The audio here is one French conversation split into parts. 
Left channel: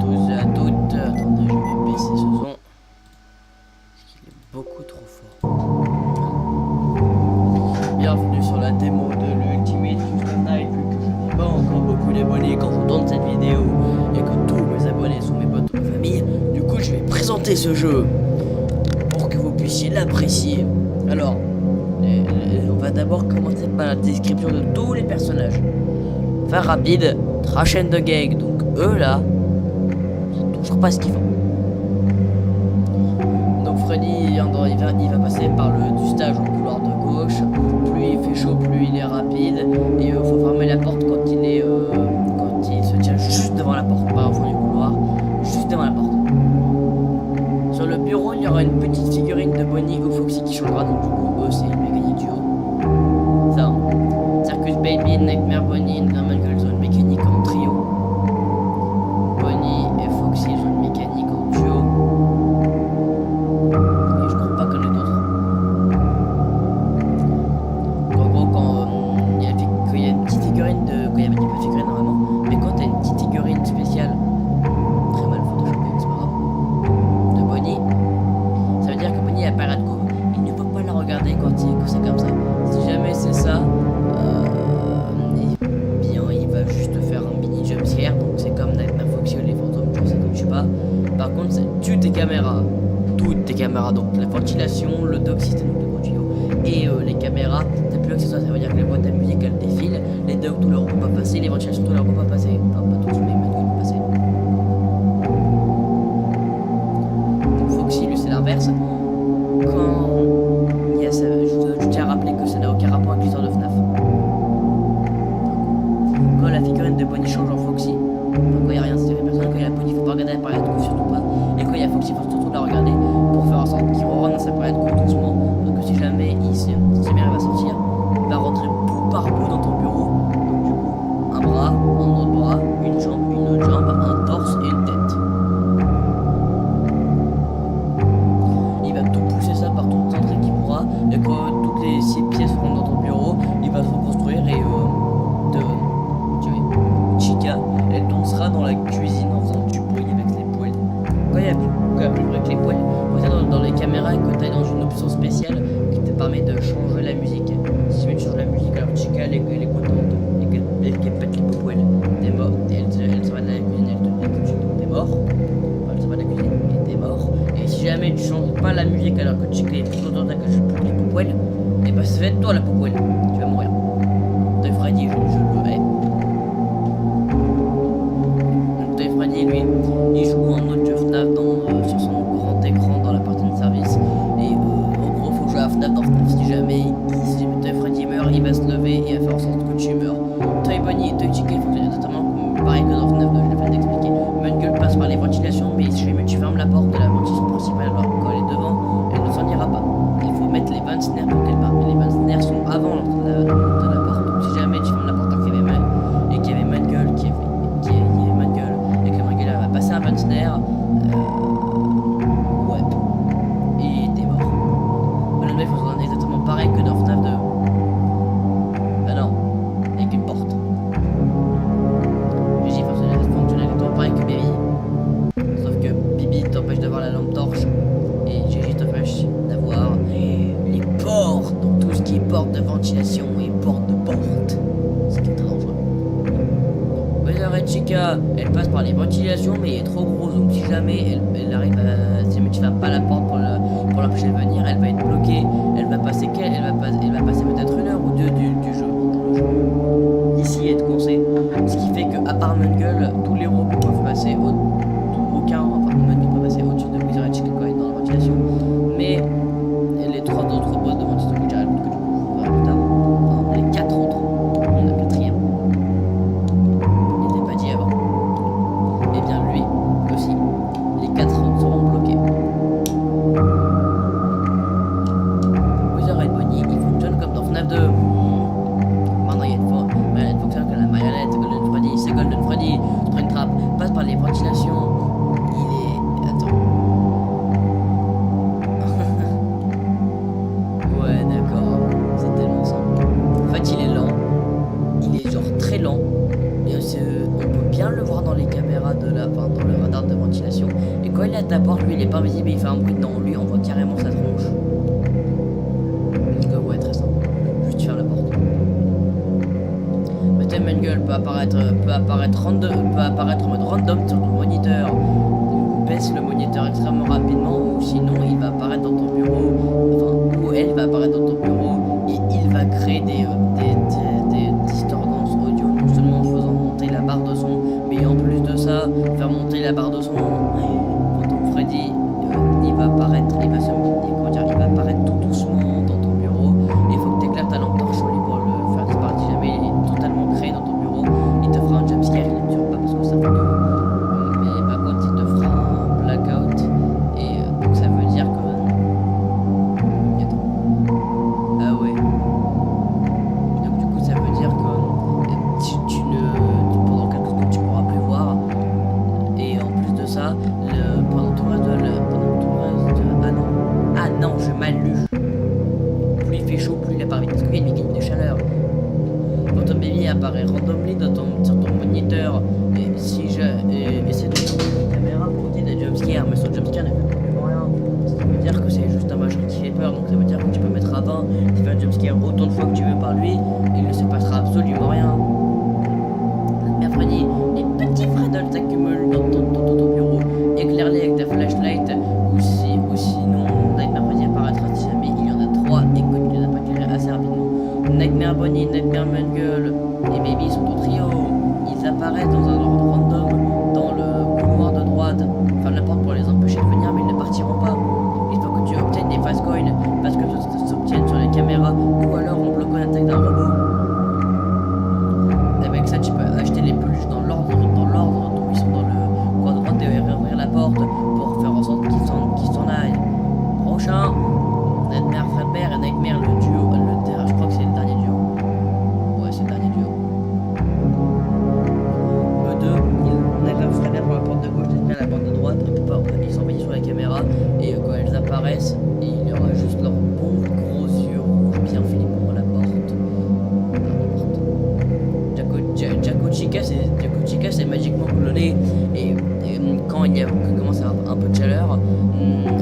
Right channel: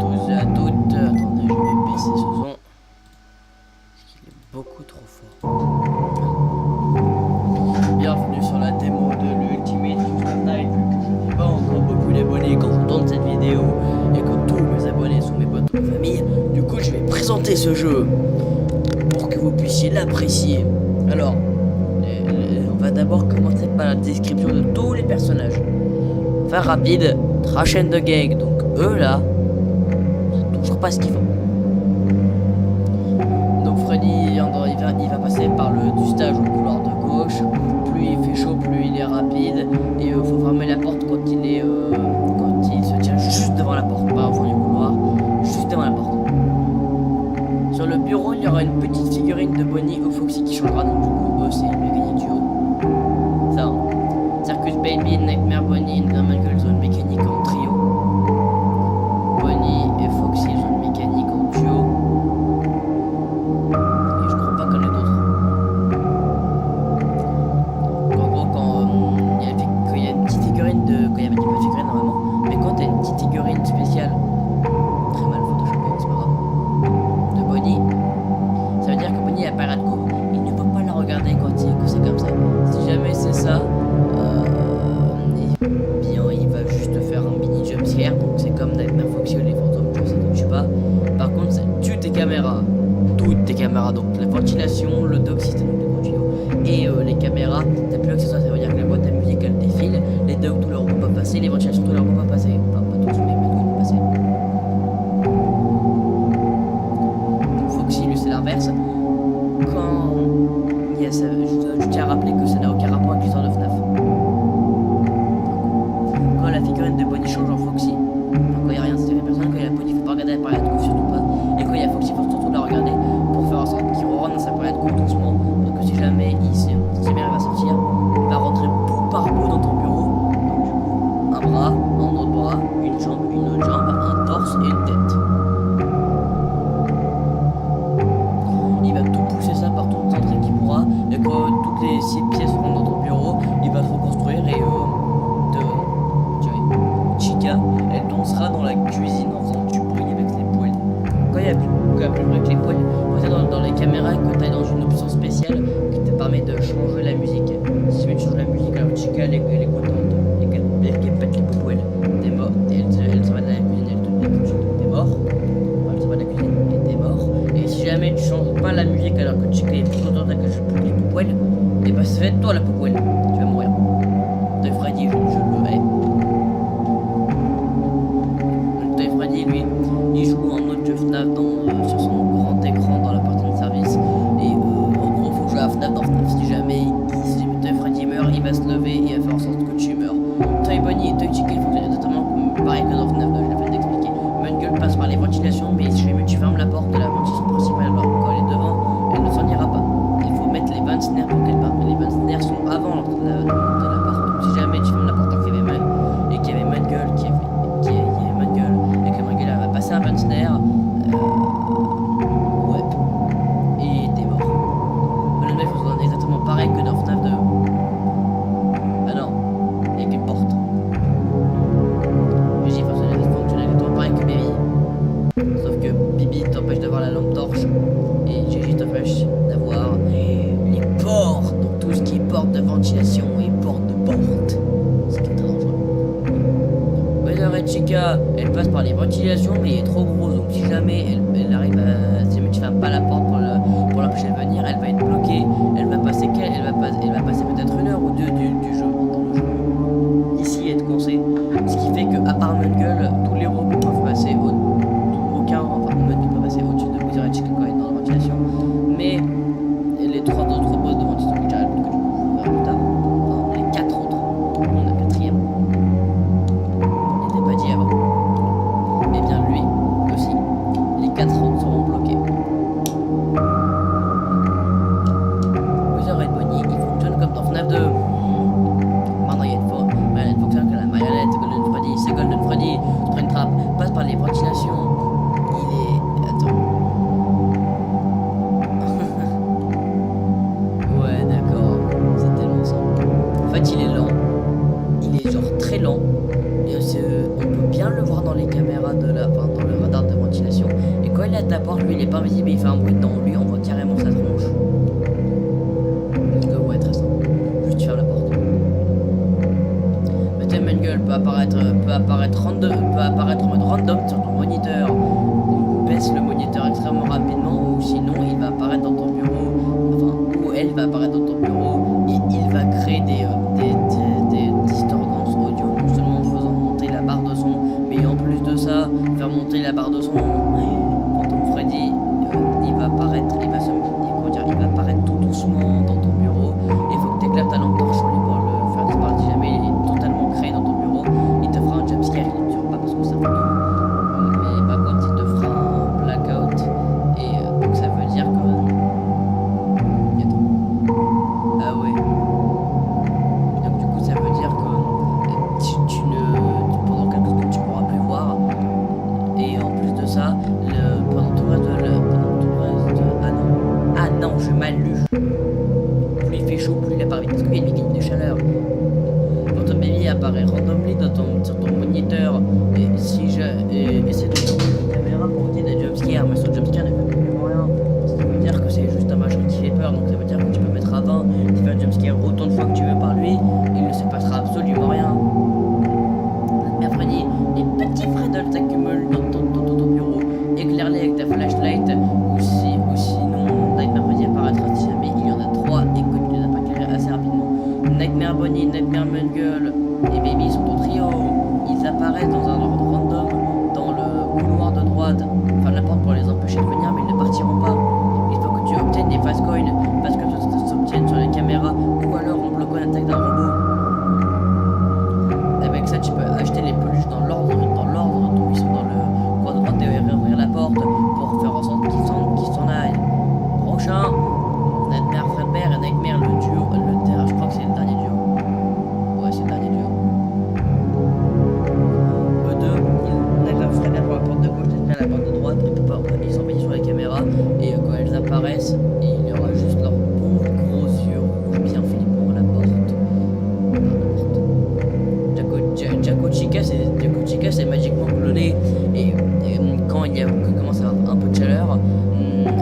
tous et à toutes. Attendez, je vais baisser ce son. Parce qu'il est beaucoup trop fort. Bienvenue sur la démo de l'Ultimate Custom Night. Vu que je n'ai pas encore beaucoup d'abonnés quand je tourne cette vidéo et que tous mes abonnés sont mes potes ou ma famille, du coup je vais présenter ce jeu pour que vous puissiez l'apprécier. Alors, on va d'abord commencer par la description de tous les personnages. Faire rapide, Trash and the Gang, donc eux là, c'est toujours pas ce qu'ils font. Donc Freddy, il va passer par du stage au couloir de gauche. Plus il fait chaud, plus il est rapide. Et il faut fermer la porte quand il se tient juste devant la porte, pas au fond du couloir, juste devant la porte. Sur le bureau, il y aura une petite figurine de Bonnie ou Foxy qui changera, donc du coup, eux, c'est une mécanique duo. Ça, Circus Baby, Nightmare Bonnie, Normal Girl, zone mécanique en trio. Bonnie et Foxy, zone mécanique en duo. Et je crois pas qu'il y en ait d'autres. En gros, quand il y a une petite figurine de. Quand il y avait pas de figurine normalement, mais quand t'as une petite figurine spéciale, très mal photoshopée, c'est pas grave, de Bonnie, ça veut dire que Bonnie apparaît de court. Il ne peut pas la regarder quand c'est comme ça. Si jamais c'est ça, eh bien il va juste faire un mini jumpscare. Donc c'est comme Nightmare Foxy ou les fantômes, je sais que tu pas. Par contre, ça tue tes caméras. Toutes tes caméras, donc la ventilation, le dock system, donc les gros tuyaux, et les caméras, t'as plus accessoires, ça veut dire que les boîtes à musique elles défilent, les docks tout leur vont pas passer, les ventilations tout leur vont pas passer. Enfin, pas tous, mais maintenant ils vont passer. Donc Foxy, lui, c'est l'inverse. Quand il y a ça, je tiens à rappeler que ça n'a aucun rapport avec l'histoire de FNAF. Quand la figurine de Bonnie change en Foxy, enfin, quand il n'y a rien, c'est personne, quand il y a Bonnie, il faut pas regarder la période de coup, surtout pas. Et quand il y a Foxy, il faut surtout la regarder pour faire en sorte qu'il rentre dans sa période de coup doucement. Parce que si jamais il va sortir, il va rentrer bout par bout dans ton bureau. Donc du coup, un bras, un autre bras, une jambe, une autre jambe, un torse et une tête. Il va tout pousser ça par tout le centre qu'il pourra. Et quand toutes les 6 pièces rentrent dans ton bureau, il va se reconstruire et Chica, elle dansera dans la cuisine en faisant du bruit avec les poils. Quand il y a plus de bruit avec les poils, peut-être dans les caméras que tu as dans une option spéciale qui te permet de changer la musique. Si tu changes la musique, alors Chica elle est contente et qu'elle pète les poils, t'es mort. Elle s'en va de la cuisine, elle te dit que t'es mort. Enfin, elle s'en va de la cuisine et t'es mort. Et si jamais tu changes pas la musique alors que Chica est plus contente que je pète les poils, et bah ça va être toi la poil. Tu vas mourir. De Freddy, je le hais. Freddy, lui, il joue un autre jeu FNAF sur son grand écran dans la partie de service. Et en gros, faut jouer à FNAF dans FNAF. Si jamais Freddy meurt, il va se lever et il va faire en sorte que tu meurs. Toy Bonnie et Toy Chica, il fonctionnent exactement pareil que dans FNAF, je l'ai fait d'expliquer. Mangle passe par les ventilations, mais si jamais tu fermes la porte de la ventilation principale, alors quand elle est devant, elle ne s'en ira pas. Il faut mettre les 20 snares pour qu'elle parte. Mais les 20 snares sont avant l'entrée de la porte. Donc si jamais tu fermes la porte qu'il y avait Mangle, passer un bon snare, ouais, et t'es mort. Le 9 fonctionne exactement pareil que dans FNAF 2. Ah non, avec une porte. Gigi fonctionne exactement pareil que Baby. Sauf que Bibi t'empêche d'avoir la lampe torche et Gigi t'empêche d'avoir les portes. Donc tout ce qui est porte de ventilation et porte de porte. Ce qui est très dangereux. Red Chica, elle passe par les ventilations, mais elle est trop grosse, donc si jamais elle arrive à. Si jamais tu fermes pas la porte pour l'empêcher de venir, elle va être bloquée. Elle va passer peut-être 1 heure ou 2 du jeu, dans le jeu. Ici, être coincée. Ce qui fait que, à part Mangle, tous les robots peuvent passer Mangle peut passer au-dessus de Red Chica quand elle est dans la ventilation. Mais les 3 autres robots de ventilation que j'arrête que du coup, on verra plus tard. Enfin, les 4 autres, on a 4ème. Avant. Et bien lui aussi, les 4 autres seront bloqués. Wither et Bonnie, ils fonctionnent comme dans FNAF 2. Maintenant il y a une marionnette fonctionne comme la marionnette. Golden Freddy, c'est Golden Freddy. Springtrap passe par les ventilations. Il est. Attends. Ouais, d'accord. C'est tellement simple. En fait, il est lent. Il est genre très lent. on peut bien le voir dans les caméras dans le radar de ventilation. Et quand il est à ta porte, lui il est pas invisible et il fait un bruit dedans. Lui on voit carrément sa tronche. Donc ouais, très simple. Juste tu fermes la porte. Le thème Mengele peut apparaître en mode random sur ton moniteur. Baisse le moniteur extrêmement rapidement, ou sinon il va apparaître dans ton bureau, ou elle va apparaître dans ton bureau et il va créer des distordances audio, non seulement en faisant monter la barre de son, mais en plus de ça, faire monter la barre de son. Quand ton Freddy il va apparaître, il va apparaître tout doucement dans ton bureau, et il faut que tu éclaires ta lampe torche sur lui pour le faire disparaître. Si jamais il est totalement créé dans ton bureau, il te fera un jumpscare, il ne tuera pas parce que ça fait mais par contre il te fera un blackout, et donc ça veut dire que ah ouais, donc du coup ça veut dire que pendant quelques secondes tu pourras plus voir, et en plus de ça pendant tout le reste ah non j'ai mal lu, plus il fait chaud plus il apparaît vite parce qu'il y a une mécanique de chaleur. Quand ton baby apparaît randomly sur ton moniteur, et si essaie de tourner la caméra pour dire des jumpscares, mais son jumpscare ne fait absolument rien. Ça veut dire que c'est juste un machin qui fait peur, donc ça veut dire que tu peux mettre à 20, tu fais un jumpscare autant de fois que tu veux par lui, il ne se passera absolument rien. Mais Freddy, les petits Freddles s'accumulent dans ton bureau, éclaire-les avec ta flashlight, ou sinon Nightmare Freddy apparaîtra si jamais il y en a 3 et que tu les as pas éclairés assez rapidement. Nightmare Bonnie, Nightmare Mengele et Baby sont au trio. Ils apparaissent dans un ordre random dans le couloir de droite. Ferme la porte pour les empêcher de venir, mais ils ne partiront pas. Il faut que tu obtiennes des fast coins parce que ça s'obtiennent sur les caméras ou alors en bloquant l'attaque d'un robot. Avec ça, tu peux acheter les peluches dans l'ordre d'où ils sont dans le coin de droite et ouvrir la porte pour faire en sorte qu'ils s'en aillent. Prochain, Nightmare Fredbear et Nightmare le duo. Je crois que c'est le dernier duo. Ouais, c'est le dernier duo. Eux deux, Nightmare Fredbear pour la porte de gauche, Nightmare à la porte de droite, et ils sont mis sur les caméras, et quand elles apparaissent, il y aura juste leurs bons gros yeux rouges bien flippants à la porte. Jaco Chica c'est magiquement cloné, et quand il commence à avoir un peu de chaleur,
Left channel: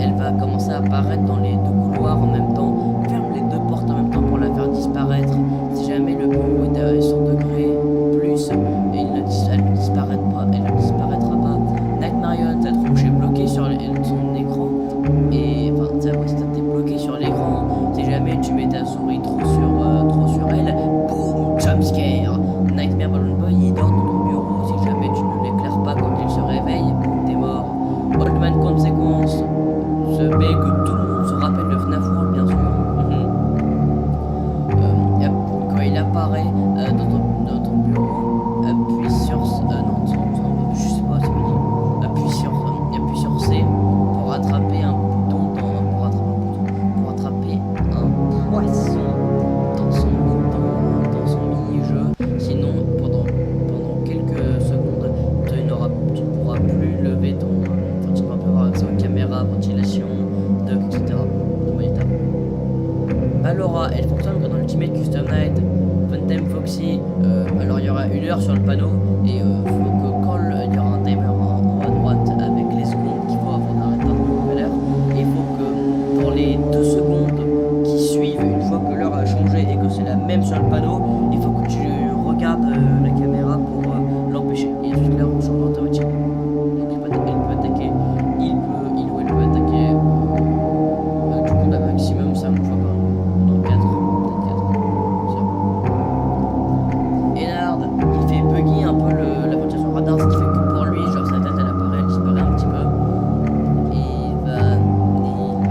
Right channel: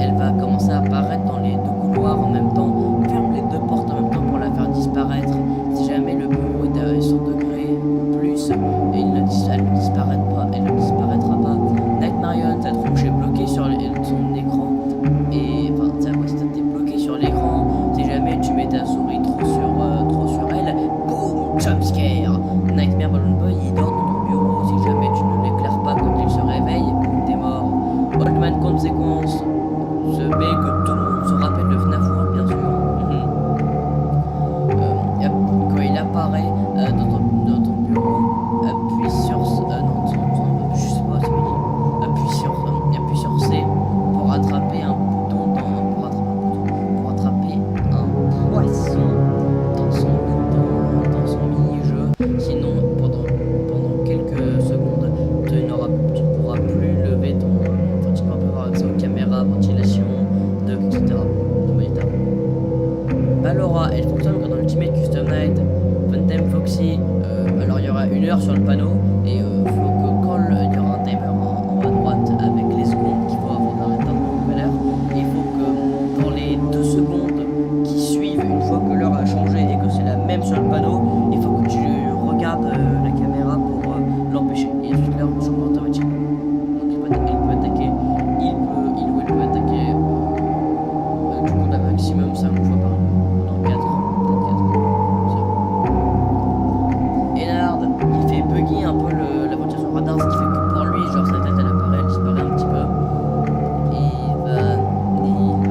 elle va commencer à apparaître dans les deux couloirs en même temps. Ferme les deux portes en même temps pour la faire disparaître. Si jamais le bureau est à 100 degrés ou plus, elle ne disparaîtra pas. Night Marion, ta tronche est bloquée sur son écran, et enfin t'es bloqué sur l'écran. Si jamais tu mets ta souris trop sur elle, boum, jumpscare. Nightmare Balloon Boy, il dort dans ton bureau. Si jamais tu ne l'éclaires pas quand il se réveille, boum, t'es mort. Old Man Consequence, ce mec que tout le monde se rappelle de FNAF World, bien sûr. Quand il apparaît dans ton bureau, appuie sur je sais pas, appuie sur C pour attraper un bouton pour attraper un poisson dans son mini-jeu. Sinon, pendant quelques secondes, tu ne pourras plus lever tu ne pourras pas avoir accès aux caméras, ventilation, etc. de moniteur. Ballora, elle fonctionne comme dans l'Ultimate Custom Night. Funtime Foxy, alors il y aura 1 heure sur le panneau, et faut que quand il y aura un timer en haut à droite avec les secondes qu'il faut avant d'arrêter une nouvelle heure, et il faut que dans les 2 secondes qui suivent, une fois que l'heure a changé et que c'est la même sur le panneau, il faut que tu regardes la caméra pour l'empêcher, et ensuite l'heure change automatiquement. Donc il peut attaquer, il ou elle peut attaquer du coup d'un maximum 5 fois par nuit. Dans 4, peut-être 4. Ennard, il fait buggy un peu la ventilation radar, ce qui fait que pour lui, genre sa tête elle apparaît, elle disparaît un petit peu. Et il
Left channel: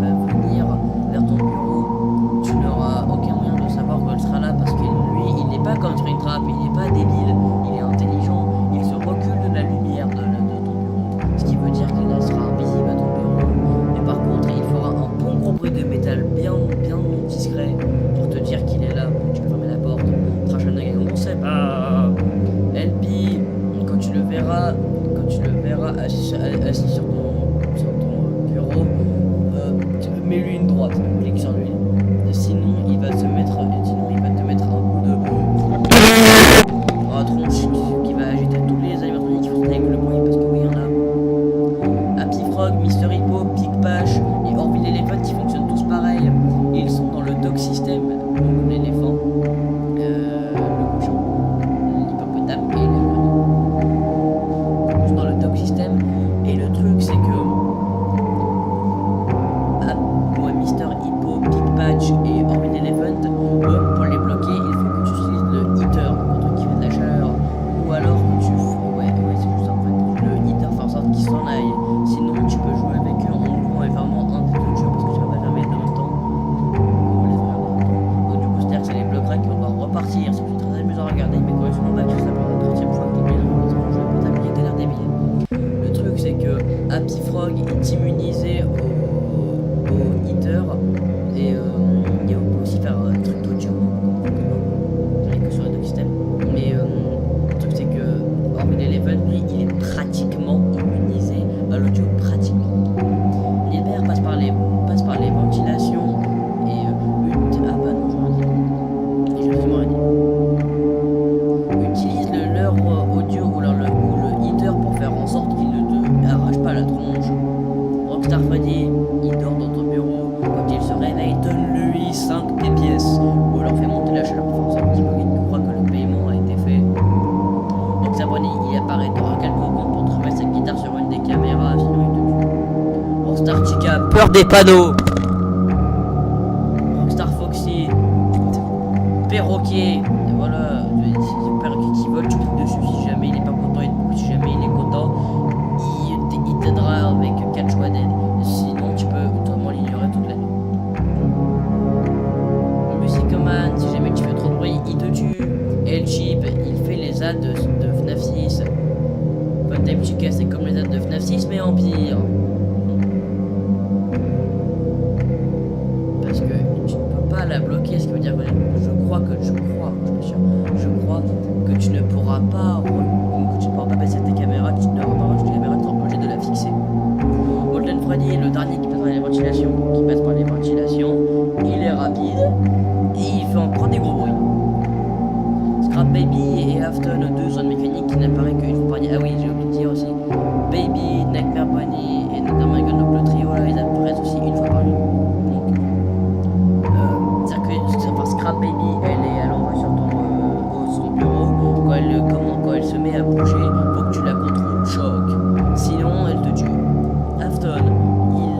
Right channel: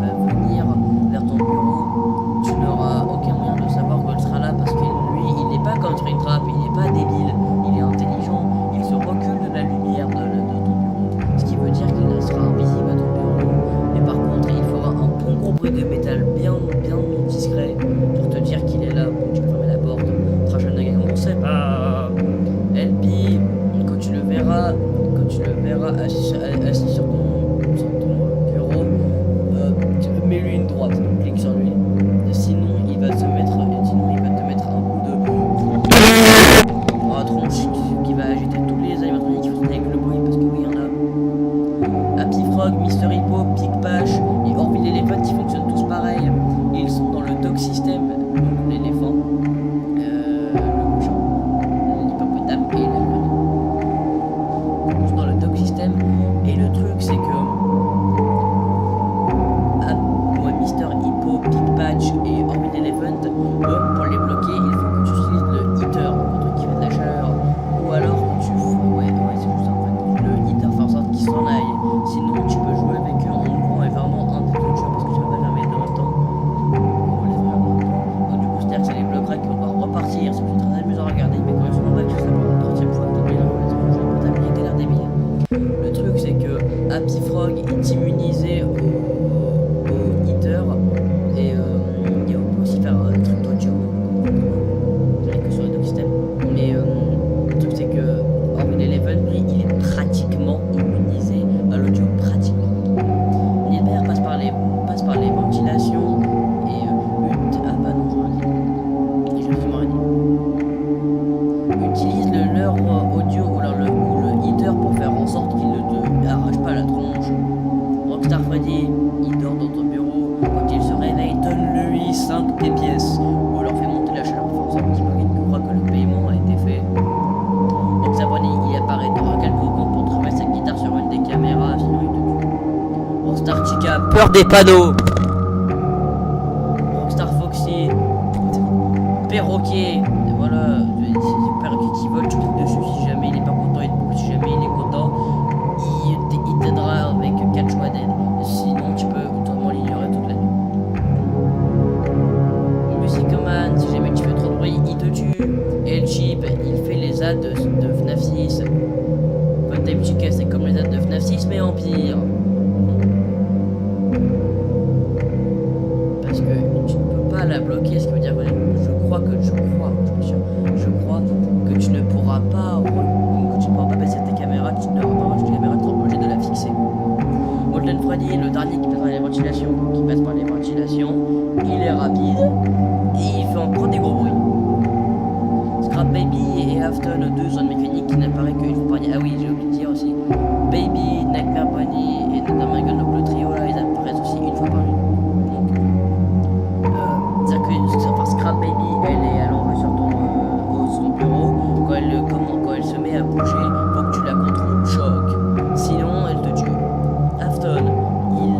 va venir vers ton bureau. Tu n'auras aucun moyen de savoir qu'elle sera là parce que lui, il n'est pas comme Springtrap, il n'est pas débile, il est intelligent, il se recule de la lumière de ton bureau. Ce qui veut dire qu'il sera invisible à ton bureau. Mais par contre, il fera un bon gros bruit de métal bien discret pour te dire qu'il est là. Bon, tu peux fermer la porte. Trajan de Gagon, on sait pas. LP, quand tu le verras assis sur ton bureau, mets-lui une droite, donc clique sur lui. Sinon, il va te mettre un coup de tronche bah tout ça pour la 30e fois que t'oublies dans le jeu potable, il a l'air débile. Le truc c'est que Happy Frog est immunisé au heater et on peut aussi faire un truc d'audio. J'en ai que sur le système. Mais le truc c'est que Orville Eleven, lui, il est pratiquement immunisé à l'audio, pratiquement. Nidbert passe par les ventilations et ah bah non, j'aurais dit. J'ai absolument rien dit. Utilise le leurre audio ou le heater pour faire en sorte qu'il ne te arrache pas la tronche. Rockstar Freddy, il dort dans ton bureau. Quand il se réveille, donne-lui 5 des pièces. Ou alors fais monter la chaleur pour faire un petit peu qu'il croit que le paiement a été fait. Rockstar Bonnie, il apparaît, t'auras quelques secondes pour trouver sa guitare sur une des caméras, sinon il te tue. Rockstar Chica, peur des panneaux. Rockstar Foxy, perroquet, voilà, perroquet qui vole, tu cliques dessus, si jamais il est pas content, il te boucle, si jamais il est content, il t'aidera avec 4 choix d'aide, sinon tu peux totalement l'ignorer toute la nuit. Musicoman, si jamais tu fais trop de bruit, il te tue. El Chip, il fait les ads de FNAF 6. Funtime Chica, c'est comme les ads de FNAF 6 mais en pire. Parce que tu ne peux pas la bloquer, ce qui veut dire que je crois que tu ne pourras pas baisser tes caméras, tu n'auras pas marché tes caméras, tu seras obligé de la fixer. Molten Freddy, le dernier qui passe par les ventilations, il est rapide et il fait encore des gros bruits. Scrap Baby et Afton, 2 zones mécaniques qui n'apparaissent qu'une fois par nuit. Ah oui, j'ai oublié de dire aussi. Baby, Nightmare Bunny et Nightmare, donc le trio là, ils apparaissent aussi une fois par nuit. Donc, c'est-à-dire que Scrap Baby, elle est à l'envers sur ton bureau. Quand elle se met à bouger, faut que tu la contrôles. Choc. Sinon, elle te tue. Afton,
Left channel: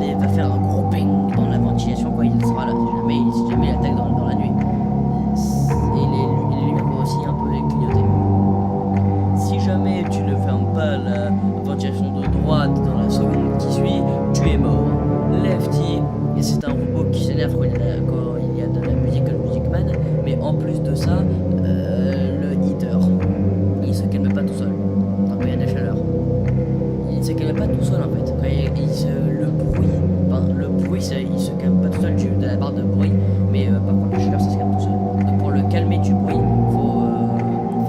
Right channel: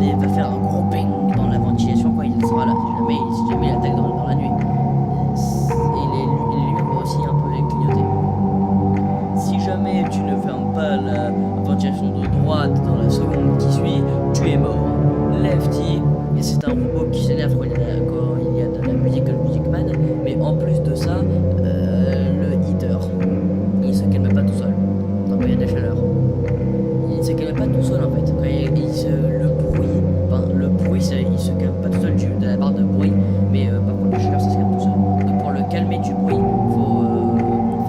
il va faire un gros ping dans la ventilation quand il sera là. Si jamais il attaque dans la nuit. Et les lumières vont aussi un peu clignoter. Si jamais tu ne fermes pas la ventilation de droite dans la seconde qui suit, tu es mort. Lefty, et c'est un robot qui s'énerve quand il y a de la musique, le Music Man, mais en plus de ça, le heater, il se calme pas tout seul quand il y a de la chaleur. Il se calme pas tout seul en fait. Le bruit, il se calme pas tout seul de la barre de bruit, mais par contre la chaleur ça se calme tout seul. Donc pour le calmer du bruit, il faut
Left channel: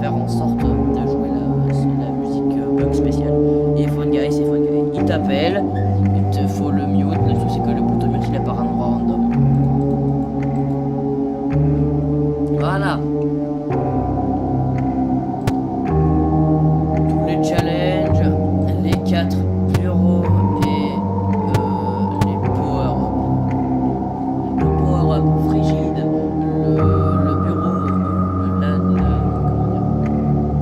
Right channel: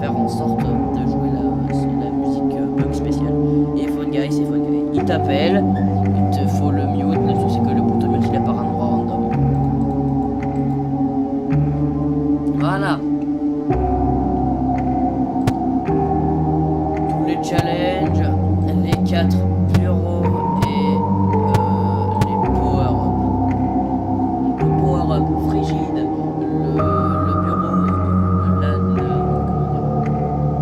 faire en sorte de jouer la musique bug spéciale. Et Phone Guy, c'est Phone Guy. Il t'appelle, il te faut le mute, le truc c'est que le bouton mute il apparaît à un endroit random. Voilà. Tous les challenges, les 4 bureaux et les power-up. Le power-up frigide, le bureau,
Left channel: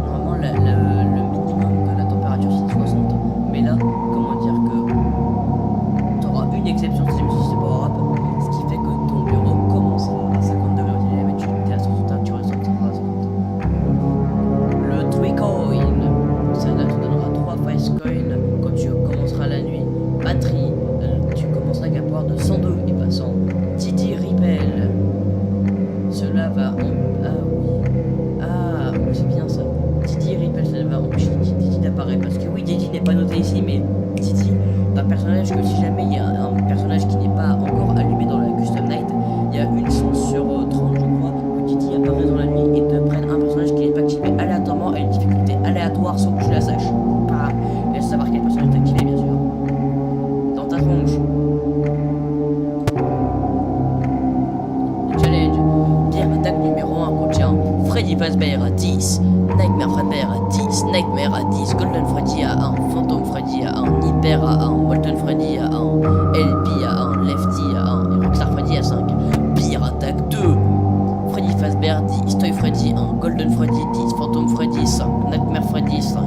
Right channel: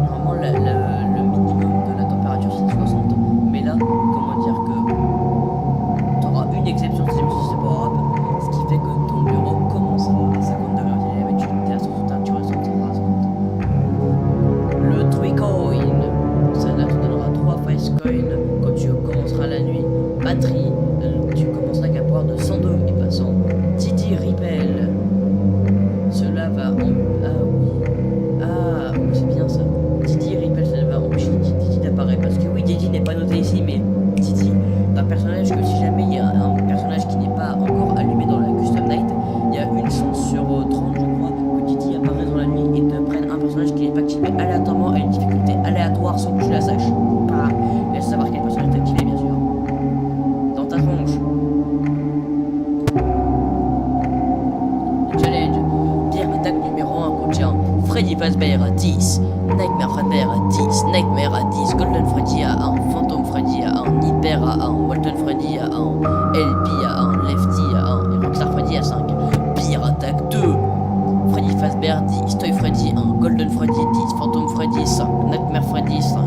normalement le minimum de la température c'est 60. Mais là, comment dire que tu auras une exception si c'est power-up, ce qui fait que ton bureau commencera à 50 degrés. Mais tu es à 60, tu ressentiras à 50. Le 3 coin, ça là te donnera 3 face coin quand tu commenceras la nuit. Batterie, tu commenceras avec un pouvoir de 102 et pas 100. Didi Repel, cela va c'est bien ça. Didi Repel, ça va empêcher Didi d'apparaître parce que oui, Didi n'est pas noté ici, mais Didi, un personnage que si jamais il y a un personnage qui n'est pas encore allumé dans la Custom Night, il y a une chance sur 30 je crois que Didi apparaît dans la nuit et te prenne un personnage qui n'est pas activé aléatoirement à une difficulté aléatoire sans que tu la saches. Bah, laisse savoir quel personnage est activé bien sûr. Dans ta tronche. Challenge. Pierre attaque numéro 1 contient Freddy Fazbear à 10, Nightmare Fredbear à 10, Nightmare à 10, Golden Freddy à 1, Phantom Freddy à 1, Nightmare à 1, Molten Freddy à 1, LP à 1, Lefty à 1 et Rockstar Freddy à 5. Pierre attaque 2, Freddy Fazbear 10, Toy Freddy 1, Golden Freddy 10, Phantom Freddy 5, Nightmare Freddy 5,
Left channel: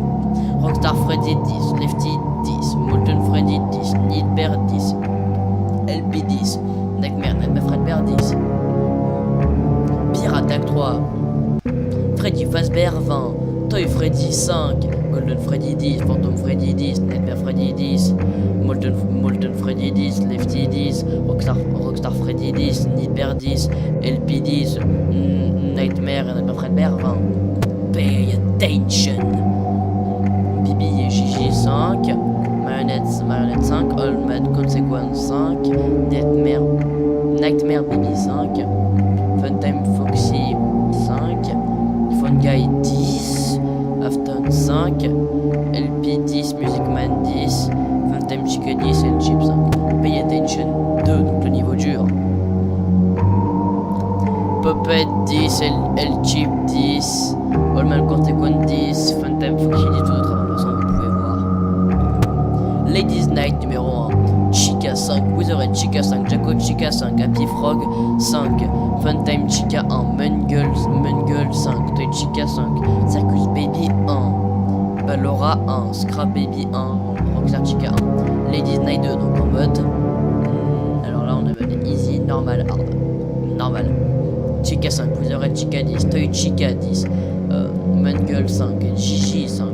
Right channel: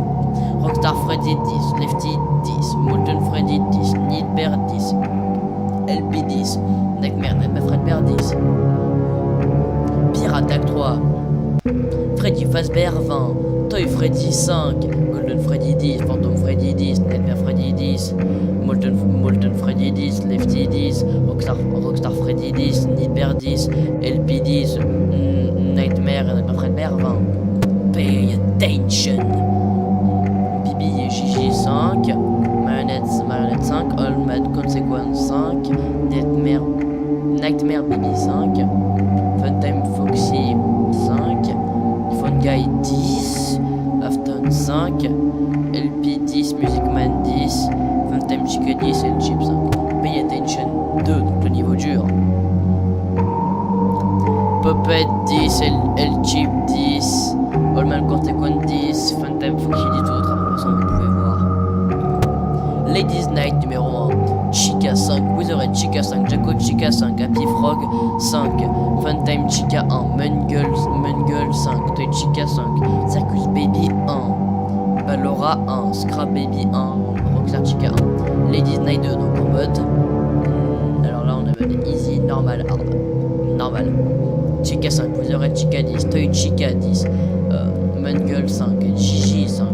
Rockstar Freddy 10, Lefty 10, Molten Freddy 10, Nightmare 10, LP 10, Nightmare Fredbear 10. Pierre attaque 3, Freddy Fazbear 20, Toy Freddy 5, Golden Freddy 10, Phantom Freddy 10, Nightmare Freddy 10, Molten Freddy 10, Lefty 10, Rockstar Freddy 10, Nightmare 10, LP 10, Nightmare Fredbear 20. Pay Attention. Bibi et Gigi 5, Marionnette 5, All-Mad Consequence 5, Nightmare Baby 5, Funtime Foxy 5, Fun Guy 10, Afton 5, LP 10, Music Man 10, Funtime Chica 10 et le Chip 5. Pay Attention 2, donc le niveau dur. Puppet 10, El Chip 10, All-Man Consequence 10, Funtime Foxy 10, tout autre. De toute façon, vous pouvez voir. Ladies Night numéro 1, Chica 5, Wizard Chica 5, Jaco Chica 5, Happy Frog 5, Funtime Chica 1, Mungle 5, Toy Chica 5, Circus Baby 1, Ballora 1, Scrap Baby 1, Rockstar Chica 1, Ladies Night 2, donc en mode. Alors là, on a mode easy, normal, hard. Normal. Chica 5, Wizard Chica 10, Toy Chica 10, Mungle 5, Gigi 5,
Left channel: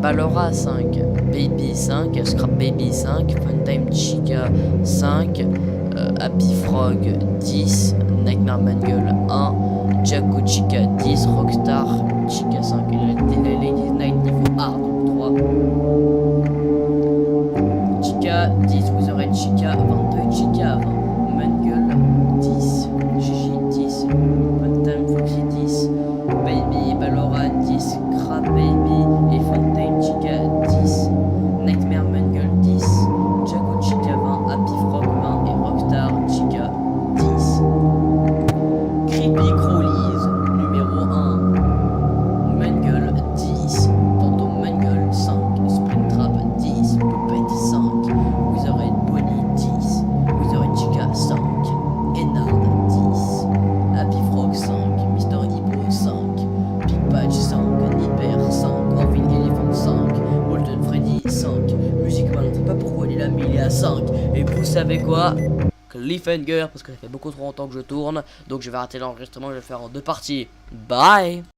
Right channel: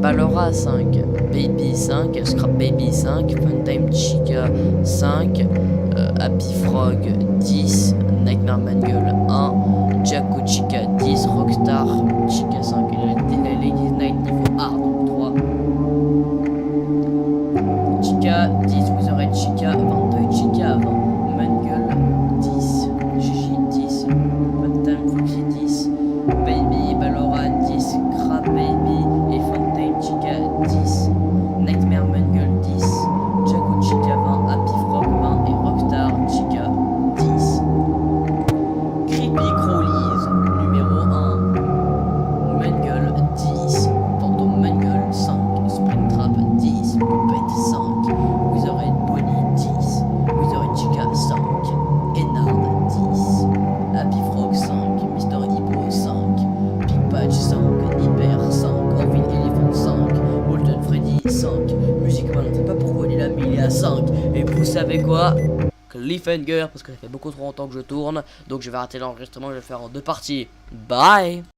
Ballora 5, Baby 5, Scrap Baby 5, Funtime Chica 5, Happy Frog 10, Nightmare Mangle 1, Jaco Chica 10, Rockstar Chica 5, et la Ladies Night niveau hard 3. Chica 10, Wizard Chica 20, Toy Chica 20, Mangle 10, Gigi 10, Funtime Foxy 10, Baby Ballora 10, Crab Baby et Funtime Chica 10, Nightmare Mangle 10, Jaco Chica 20, Happy Frog 20 et Rockstar Chica 10. Creepy Crawlies numéro 1, Mangle 10, Phantom Mangle 5, Springtrap 10, Puppet 5, Wizard Bonnie 10, Wizard Chica 5, Ennard 10, Happy Frog 5, Mr. Hippo 5, Big Patch 5, Nipper 5, Orville Elephant 5, Molten Freddy 5, Music Man, on ne sait pas pourquoi il est là mais il est à 5. Et vous savez quoi? Cliffhanger, parce que ça fait beaucoup trop longtemps que je tourne, donc je vais arrêter l'enregistrement, je vais le faire en 2 parties. Bye.